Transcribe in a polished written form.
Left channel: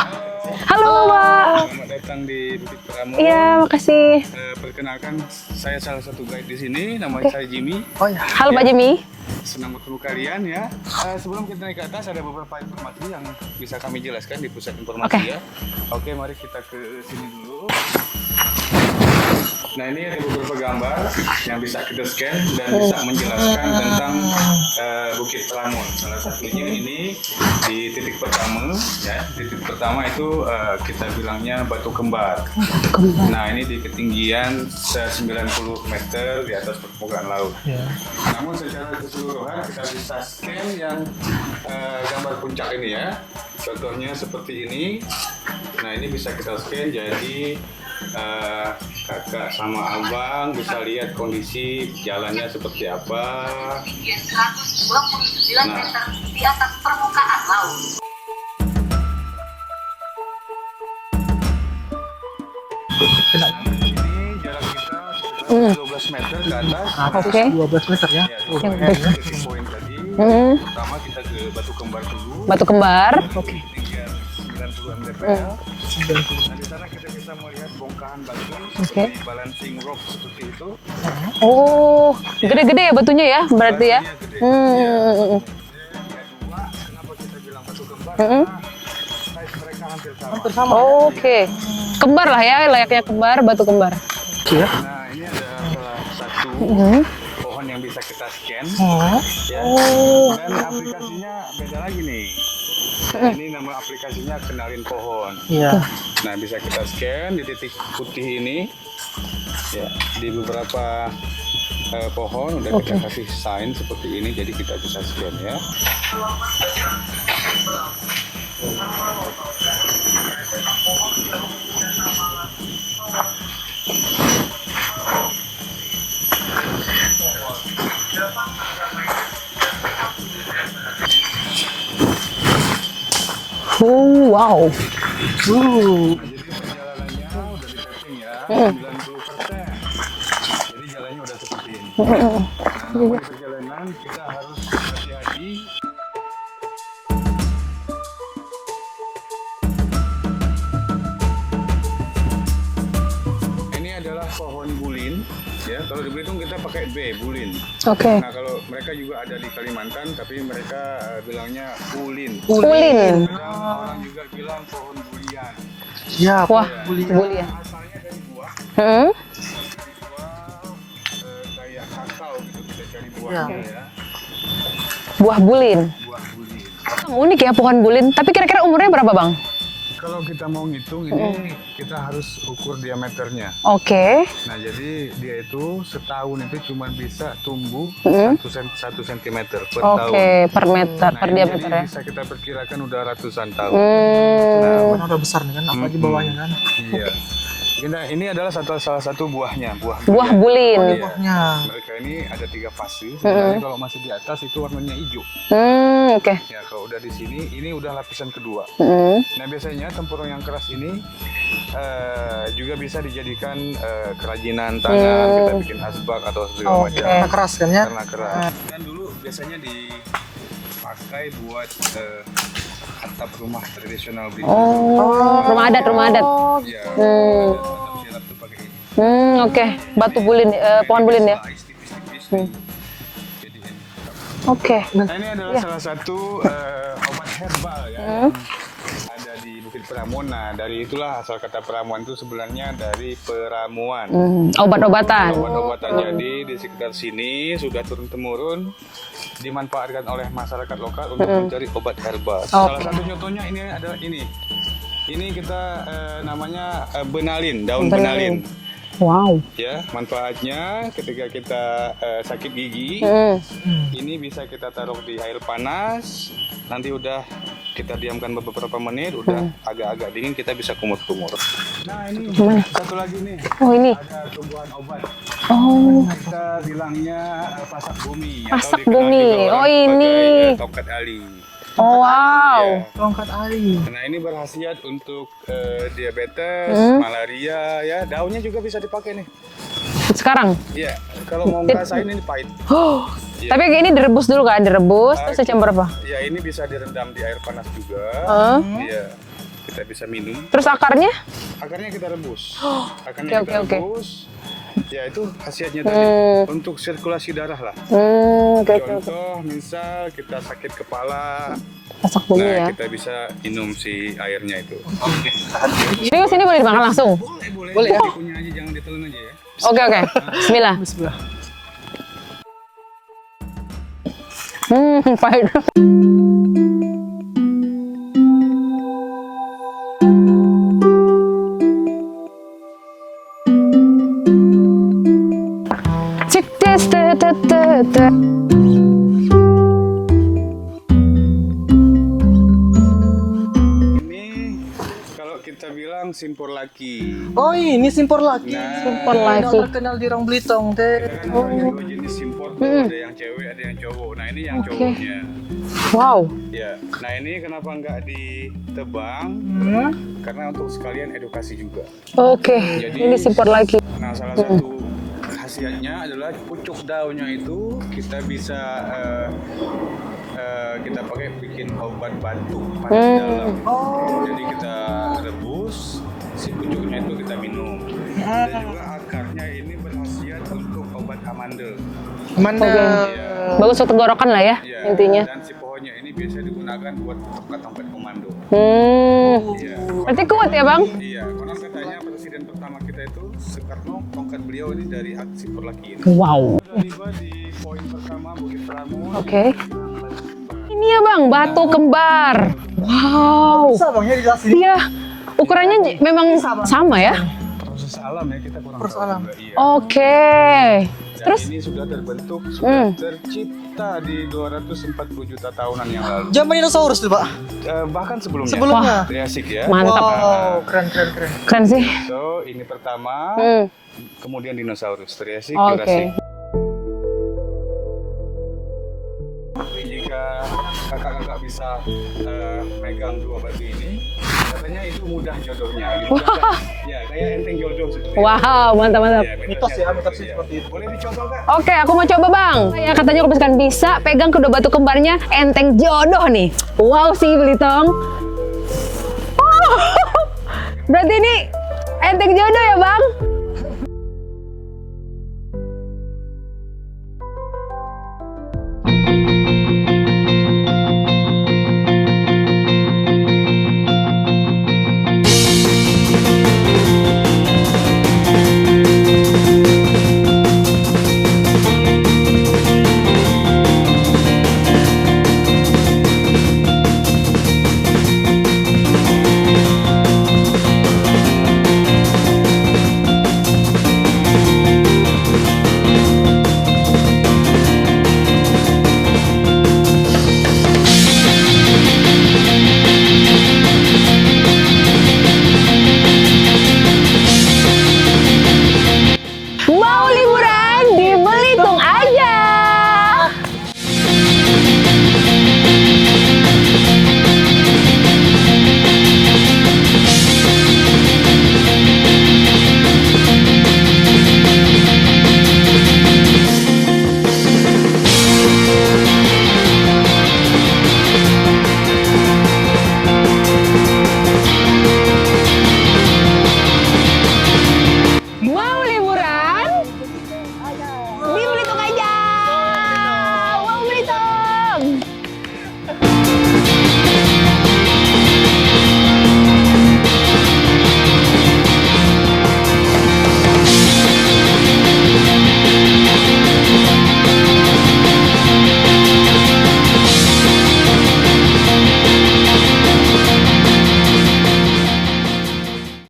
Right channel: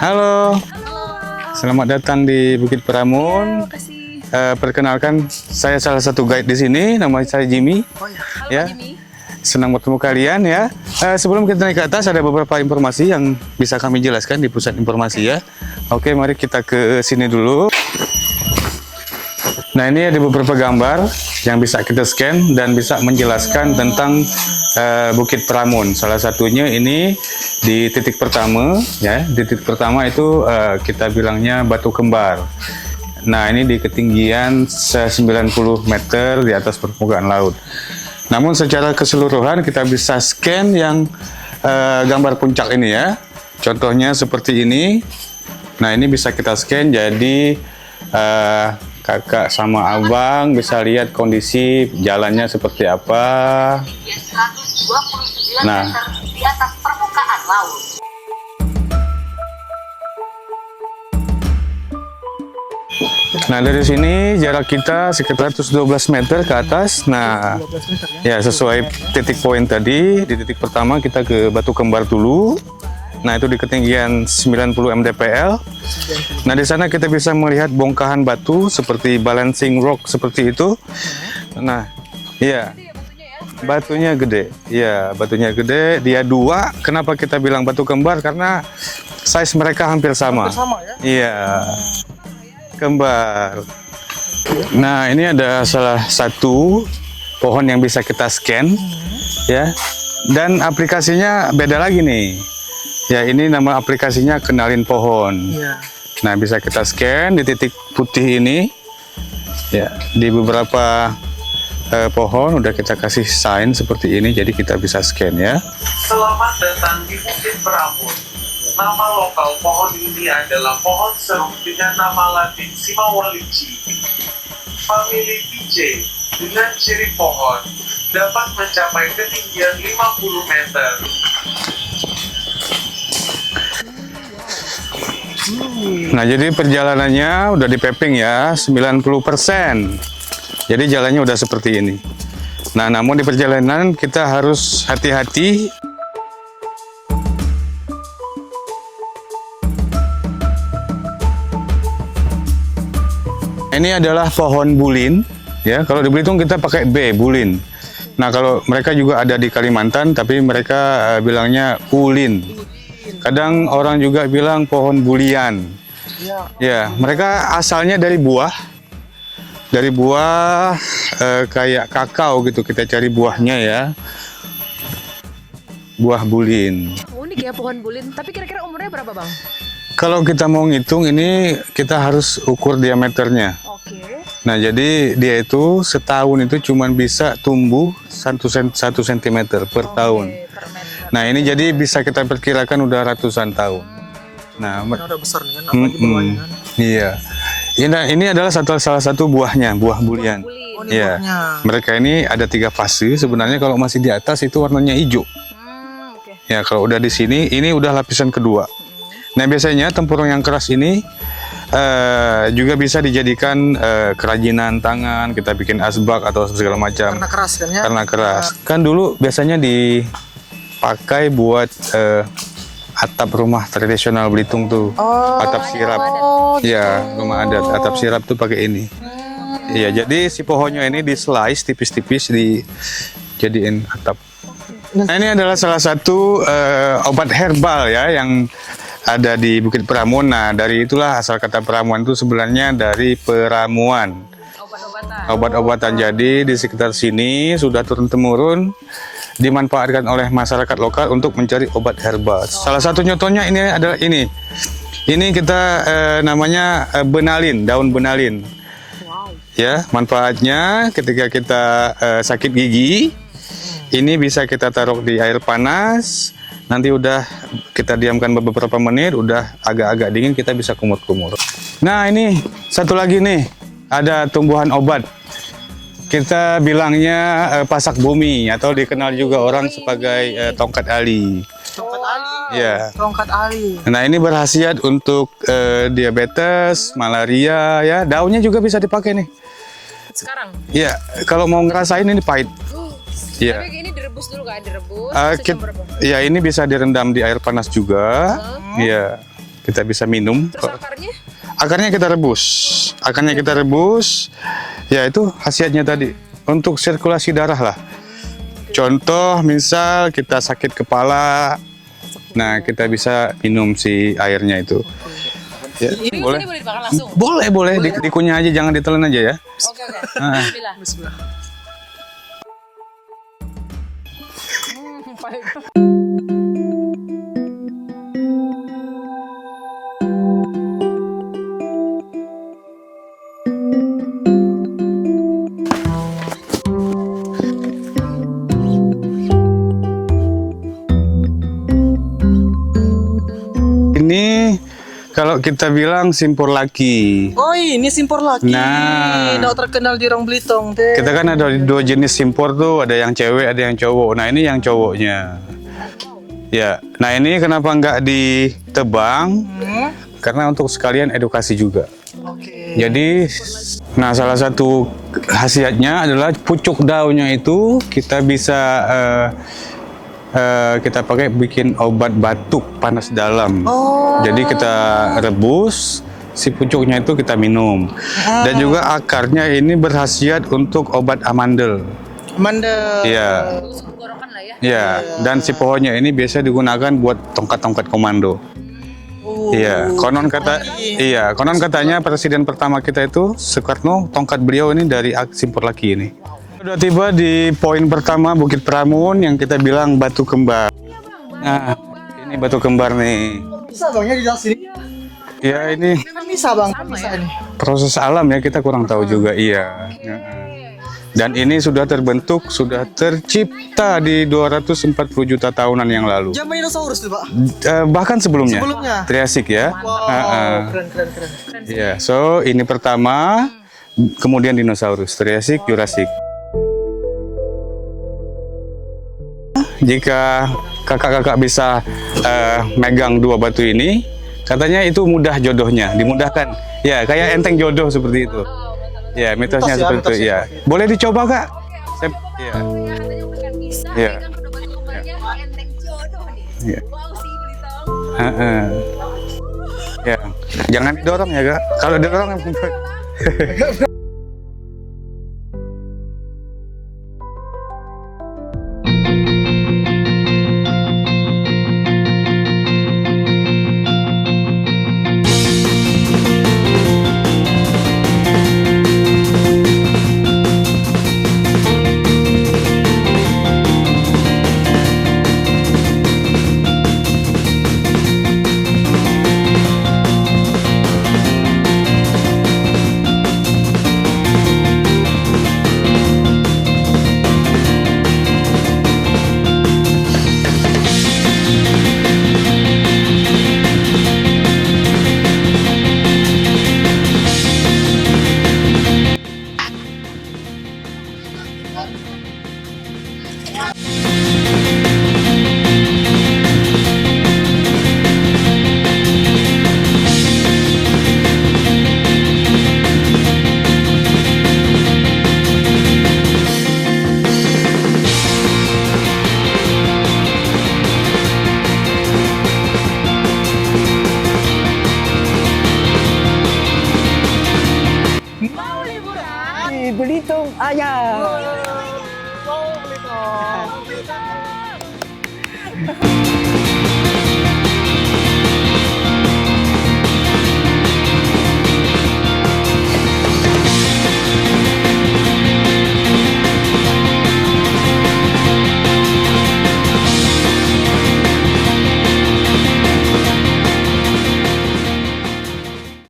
Halo. Halo, Pak. Selamat datang di Bukit Pramun. Iya, makasih. Perkenalkan, saya salah satu guide di sini. Nama saya Jimmy. Halo, Pak Jimmy. Senang bertemu kalian ya. Sebelum kita naik ke atas, ada beberapa informasi yang bisa kami jelaskan di pusat informasi ya. Oke, mari kita ke sini dulu. Nah, ini ada beberapa gambar yang bisa kita scan dan bisa menjelaskan tentang Bukit Pramun. Salah satunya ini di titik pertama, ya. Di titik pertama itu kita bilangnya Batu Kembar. Nah, ini di ketinggian 90 meter di atas permukaan laut. Namun secara keseluruhan kita bisa scan yang gambar puncak ini ya. Contohnya seperti ini. Nah, ini bisa kita scan jadi kakak sama abang bisa lihat kondisi jalannya seperti apa. 129 meter di atas permukaan laut. Nah, dari sini jarak kita sekitar 112 meter ke atas. Nah, 12 meter ya ya. sesuai titik poin tadi. Di titik pertama kita ke Batu Kembar dulu. Batu Kembar. Nah, itu di ketinggian 90 mdpl. Nah, di sana kita bisa melihat bongkahan batu seperti balancing rock seperti itu. Oh, iya. gede-gede ya batunya ya, berarti ya? Batunya gede. Ya, batunya gede. Dia dua. Kenapa kita bilang Batu Kembar? Karena size mereka hampir sama. Oh, oke. Iya. Kembar lah ya, layaknya kembar, batu kembar. Nah, ini ada salah satu pohon yang bisa kita scan, ya. Dan aplikasinya beda lagi nih. Ya, ini nama aplikasinya Kenalin Pohon. Iya. Nah, bisa kita scan di titik putih ini. Ya, di beberapa pohon udah kita kasih sign seperti ini, jadi kita bisa scan ya. Selamat datang di Bukit Pramun. Nama lokal pohon ini adalah pohon serung dengan nama Latin Simawalici. Famili PJ dengan ciri pohon dapat mencapai ketinggian 50 meter. Wow. Nah, jadi perjalanannya udah di paving ya, 90%. Jadi jalannya udah seperti ini. Nah, namun di perjalanan kita harus hati-hati. Ini adalah pohon bulin, ya. Kalau di Belitung kita pakai B, bulin. Oke. Nah, kalau mereka juga ada di Kalimantan, tapi mereka bilangnya ulin. Ulin. Kadang orang juga bilang pohon bulian. Ya, Wah. Ya, mereka asalnya dari buah. Dari buah kayak kakao gitu, kita cari buahnya ya. Buah bulin. Buah bulin. Unik ya pohon bulin, tapi kira-kira umurnya berapa, Bang? Kalau kita mau ngitung ini kita harus ukur diameternya. Oke. Nah, jadi dia itu setahun itu cuma bisa tumbuh 1 cm per tahun. Oke, per meter. Nah, per ini diameter jadi ya. bisa kita perkirakan udah ratusan tahun. Nah, Karena udah besar nih kan, apalagi bawahnya kan. iya. Ini adalah salah satu buahnya, buah Buah bulian. bulin. Iya. Buahnya. Mereka ini ada 3 fase. Sebenarnya kalau masih di atas itu warnanya hijau. Oke. Ya, kalau udah di sini, ini udah lapisan kedua. Nah, biasanya tempurung yang keras ini juga bisa dijadikan kerajinan tangan, kita bikin asbak atau segala macam. Karena keras kan ya. Karena keras. Kan dulu biasanya dipakai buat atap rumah tradisional Belitung tuh. Atap Rumah adat, sirap. rumah adat. Ya, rumah adat. Atap sirap tuh pakai ini. Oke. Iya, Batu jadi si bulin, pohonnya ini pohon di bulin ya? slice tipis-tipis dijadiin atap. Oke. Nah, ini adalah salah satu obat herbal ya yang ada di Bukit Pramun. Nah, dari itulah asal kata peramuan itu sebenarnya dari peramuan. Obat-obatan. Obat-obatan. Jadi di sekitar sini sudah turun-temurun dimanfaatkan oleh masyarakat lokal untuk mencari obat herbal. Salah satu contohnya ini adalah ini. Ini kita namanya benalin, daun benalin. Wow. Ya, manfaatnya ketika kita sakit gigi, ini bisa kita taruh di air panas. Nanti udah kita diamkan beberapa menit, udah agak-agak dingin, kita bisa kumur-kumur. Nah, ini satu lagi nih, Oh, ini. ada tumbuhan obat. Oh. Kita bilangnya pasak bumi atau Pasak dikenal bumi. juga orang Oh, ini. sebagai tongkat ali. Oh, wow. Ya. Tongkat ali. Nah, ini berkhasiat untuk diabetes, malaria, ya. Daunnya juga bisa dipakai nih. Sekarang? Ya, kalau mau ngerasain ini pahit. Iya. Tapi ini direbus dulu kan? Direbus, terus jam berapa? Ya, ini bisa direndam di air panas juga. Iya. kita bisa minum. Terus akarnya? Akarnya kita rebus. Akarnya Oke, kita oke, rebus. Ya itu khasiatnya tadi. Untuk sirkulasi darah lah. Oke. Contoh misal kita sakit kepala. Masak dulu Nah, ya. kita bisa minum si airnya itu. Ini boleh dimakan langsung? Boleh. Dikunyah aja, jangan ditelan aja ya. Oke. Bismillah. Bismillah. Pahit. Cek tes tes tes tes, tes. Ini kalau kita bilang simpor laki. Oh ini simpor lagi. Nah. Yang terkenal di Rong Belitung. Teh. Kita kan ada dua jenis simpor tuh, ada yang cewek, ada yang cowok. Nah ini yang cowoknya. Wow. Ya, nah ini kenapa nggak ditebang? Karena untuk sekalian edukasi juga. Oke. Jadi, ini support lagi. nah salah satu khasiatnya adalah pucuk daunnya itu kita bisa kita pakai bikin obat batuk panas dalam. Jadi kita rebus, si pucuknya itu kita minum. Dan juga akarnya ini berkhasiat untuk obat amandel. Mandel. Iya. Bagus untuk tenggorokan lah ya. Iya. Intinya. Dan si pohonnya ini biasa digunakan buat tongkat-tongkat komando. Iya, konon kuat ya, Bang? Iya, konon katanya presiden pertama kita itu Soekarno, tongkat beliau ini dari simpor laki ini. Wow. Sudah tiba di poin pertama Bukit Pramun yang kita bilang batu kembar. Ini ya Bang, batu kembar. Batu kembar nih. Wow. Bisa bang ya dijelasin. Iya. Ukurannya ini memang bisa, Bang. sama ya. Proses alam ya, kita kurang tahu juga. Iya. Oke. Dan ini sudah terbentuk, sudah tercipta di 240 juta tahunan yang lalu. Zaman dinosaurus tuh pak. Bahkan sebelumnya. Sebelumnya. Triasik ya. Mantap. Keren. Keren sih. Ya, so ini pertama, kemudian dinosaurus, Triasik, Oke. Jurassic. Jika kakak-kakak bisa megang dua batu ini, katanya itu mudah jodohnya, dimudahkan. Ya, kayak enteng jodoh seperti itu. Wow, mantap. Ya, mitosnya Mitos ya, seperti itu. mitos Ya, ya. boleh dicoba kak? Oke, aku mau coba Bang. Ya katanya kalau misalkan bisa Iya. pegang kedua batu kembarnya enteng jodoh nih. Iya. Wow sih Belitong. Heeh. Ya. Jangan Berarti dorong ini ya kak. Kalau dorong, enteng jodoh ya Bang?